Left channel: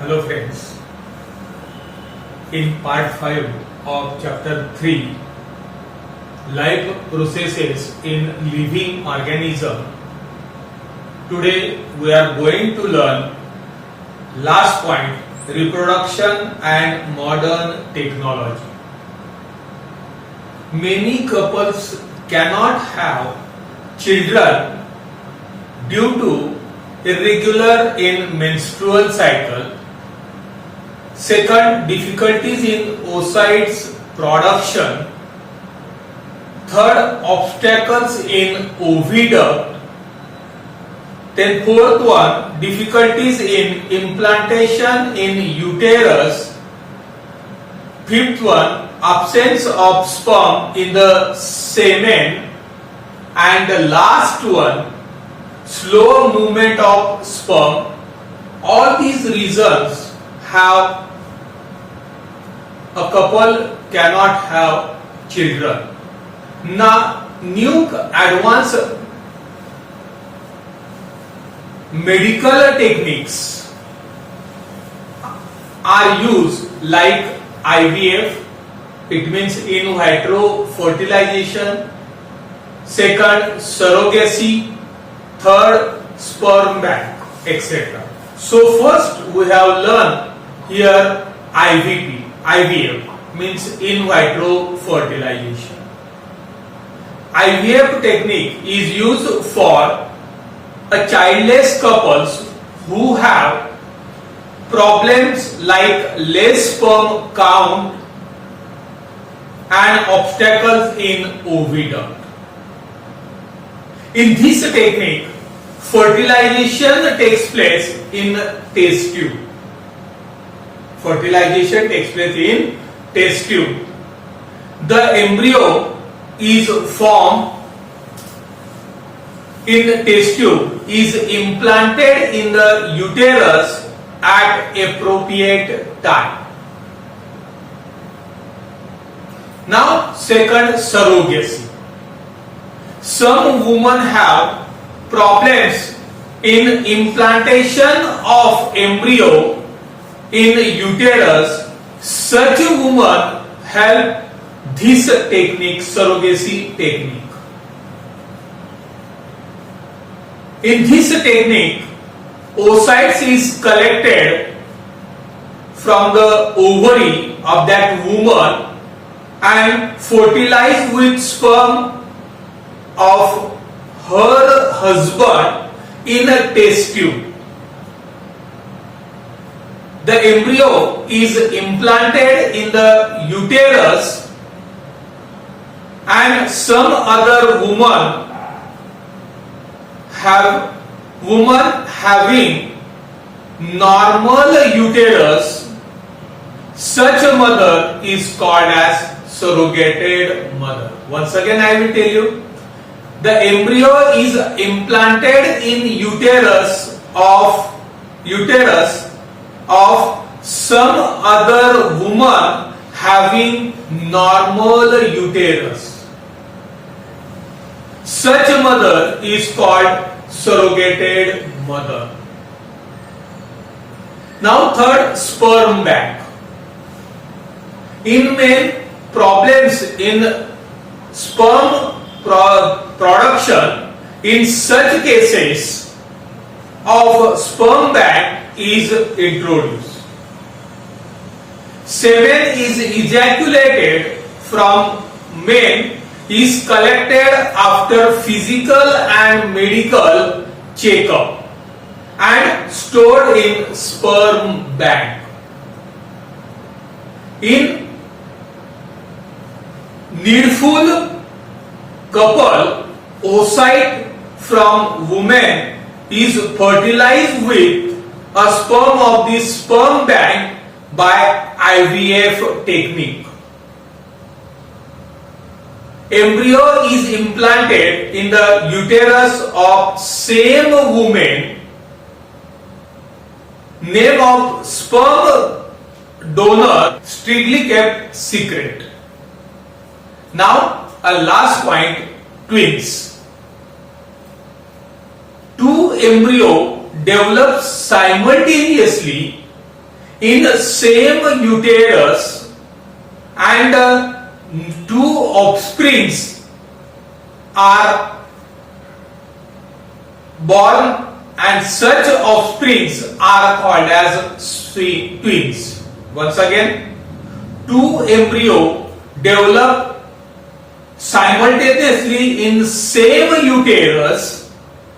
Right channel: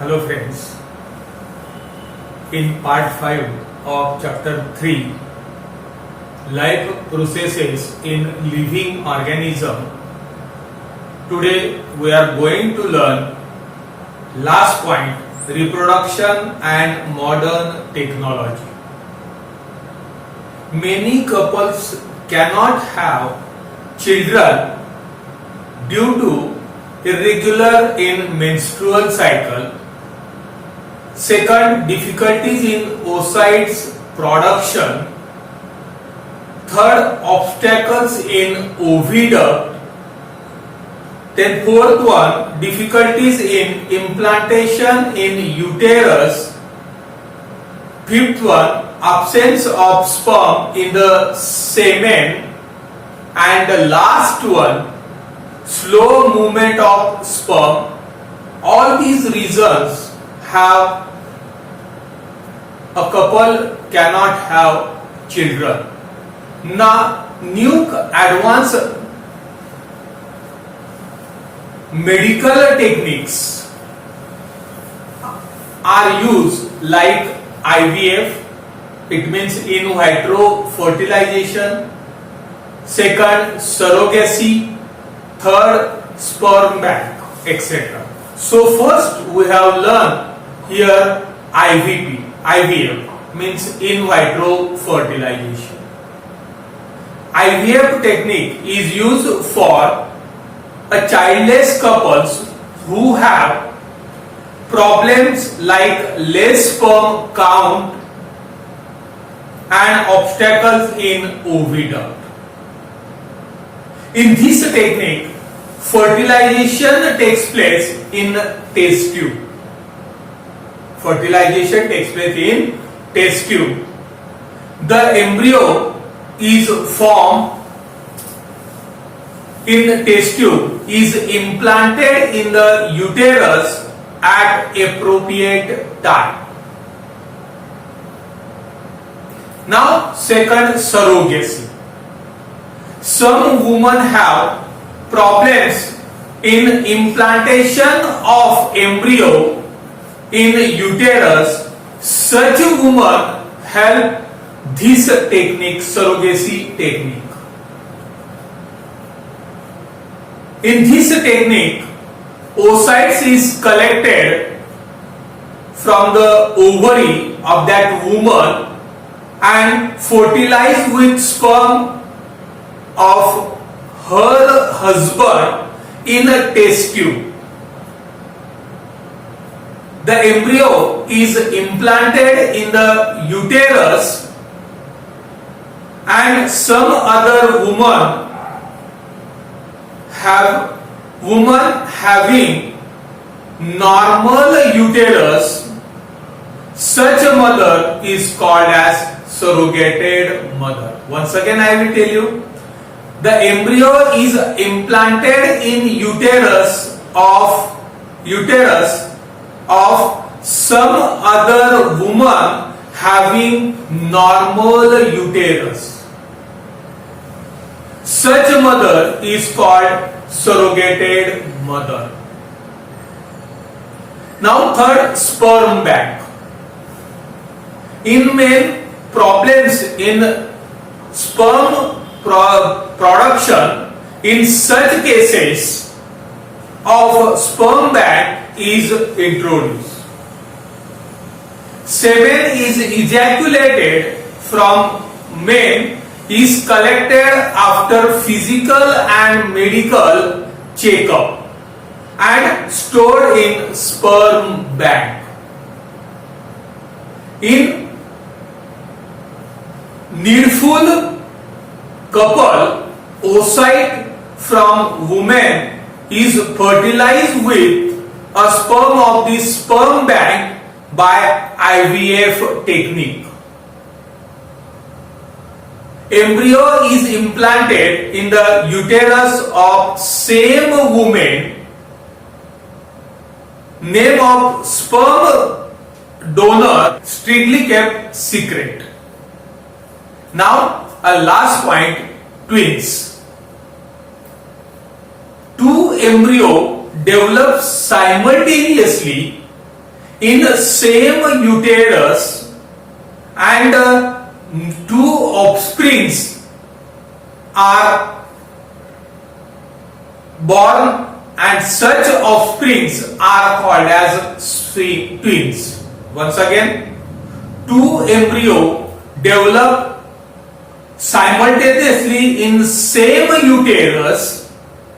Hello friends, in part 5 of chapter 3, life processes in living organism, today we are going to learn last point, reproduction and modern technology. Many couples cannot have children due to irregular in menstrual cycle. Second, difficulties in oocytes production. Third, obstacles in oviduct. Then fourth one, difficulties in implantation in uterus. Fifth one, absence of sperm in the semen. And the last one, slow movement of sperm. All these reasons have a couple cannot have children. Now, new advanced medical techniques are used like IVF, it means in vitro fertilization. Second, surrogacy. Third, sperm bank, etc. So first we have learned here IVF means in vitro fertilization. IVF technique is used for a childless couples who have problems like less sperm count and obstacles in oviduct. In this technique, fertilization takes place in test tube. Fertilization takes place in test tube. The embryo is formed in test tube, is implanted in the uterus at appropriate time. Now, second, surrogacy. Some women have problems in implantation of embryo in uterus. Such women help this technique, surrogacy technique. In this technique, oocytes is collected from the ovary of that woman and fertilized with sperm of her husband in a test tube. The embryo is implanted in the uterus and some other woman having normal uterus, such a mother is called as surrogated mother. Once again I will tell you, the embryo is implanted in uterus of some other woman having normal uterus. Such a mother is called surrogated mother. Now third, sperm bank. In men, problems in sperm production, in such cases of sperm bank is introduced. Semen is ejaculated from men is collected after physical and medical checkup and stored in sperm bank. In needful couple, oocyte from woman is fertilized with a sperm of the sperm bank by IVF technique. Embryo is implanted in the uterus of same woman. Name of sperm donor strictly kept secret. Now, a last point, twins. Two embryo develops simultaneously in the same uterus and two offsprings are born, and such offsprings are called as twins. Once again, two embryo develop simultaneously in same uterus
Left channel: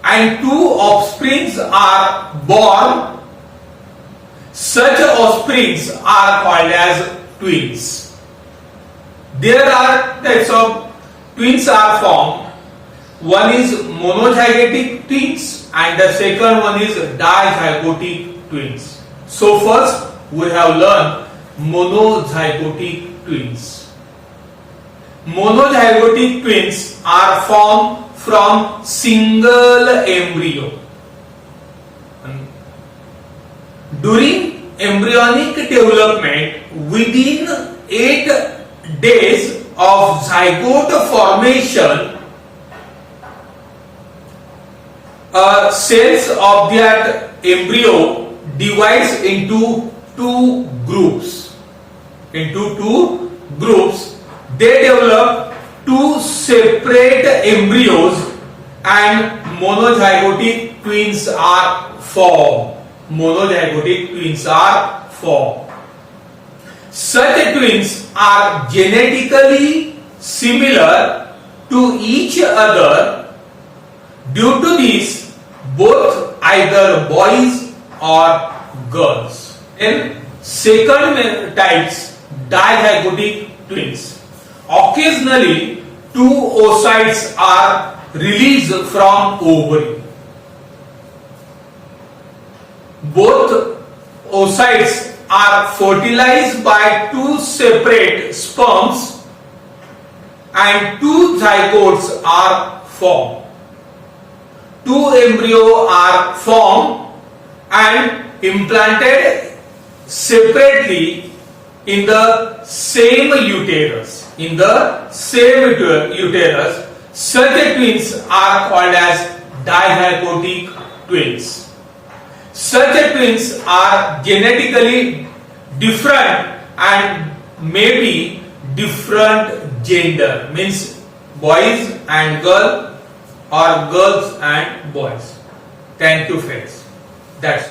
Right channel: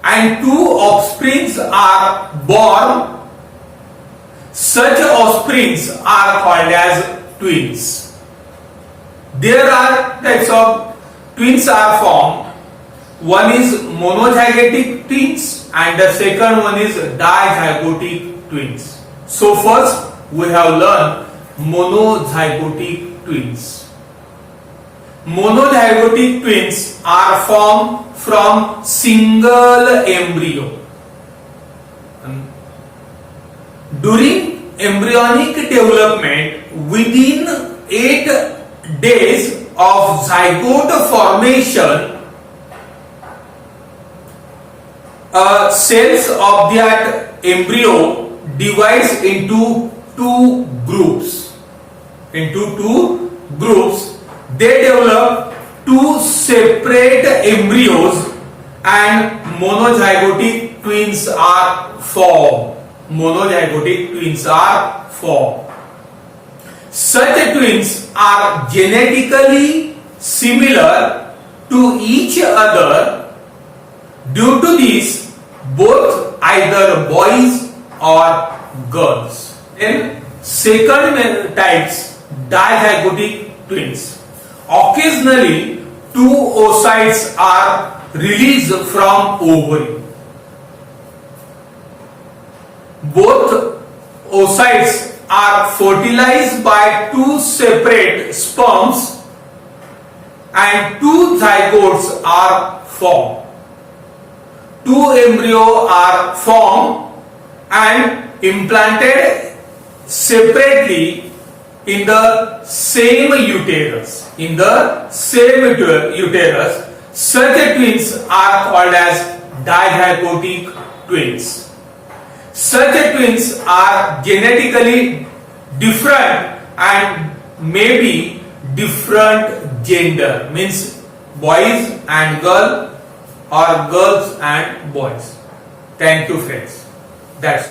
and two offsprings are born. Such offsprings are called as twins. There are types of twins are formed. One is monozygotic twins and the second one is dizygotic twins. So first we have learned monozygotic twins. Monozygotic twins are formed from single embryo. During embryonic development, within 8 days of zygote formation, cells of that embryo divides into two groups. They develop two separate embryos and monozygotic twins are formed. Such twins are genetically similar to each other. Due to this, both either boys or girls. Then second types, dizygotic twins. Occasionally, two oocytes are released from ovary. Both oocytes are fertilized by two separate sperms and two zygotes are formed. Two embryos are formed and implanted separately in the same uterus. Such twins are called as dizygotic twins. Such twins are genetically different and may be different gender, means boys and girls or girls and boys. Thank you friends. That's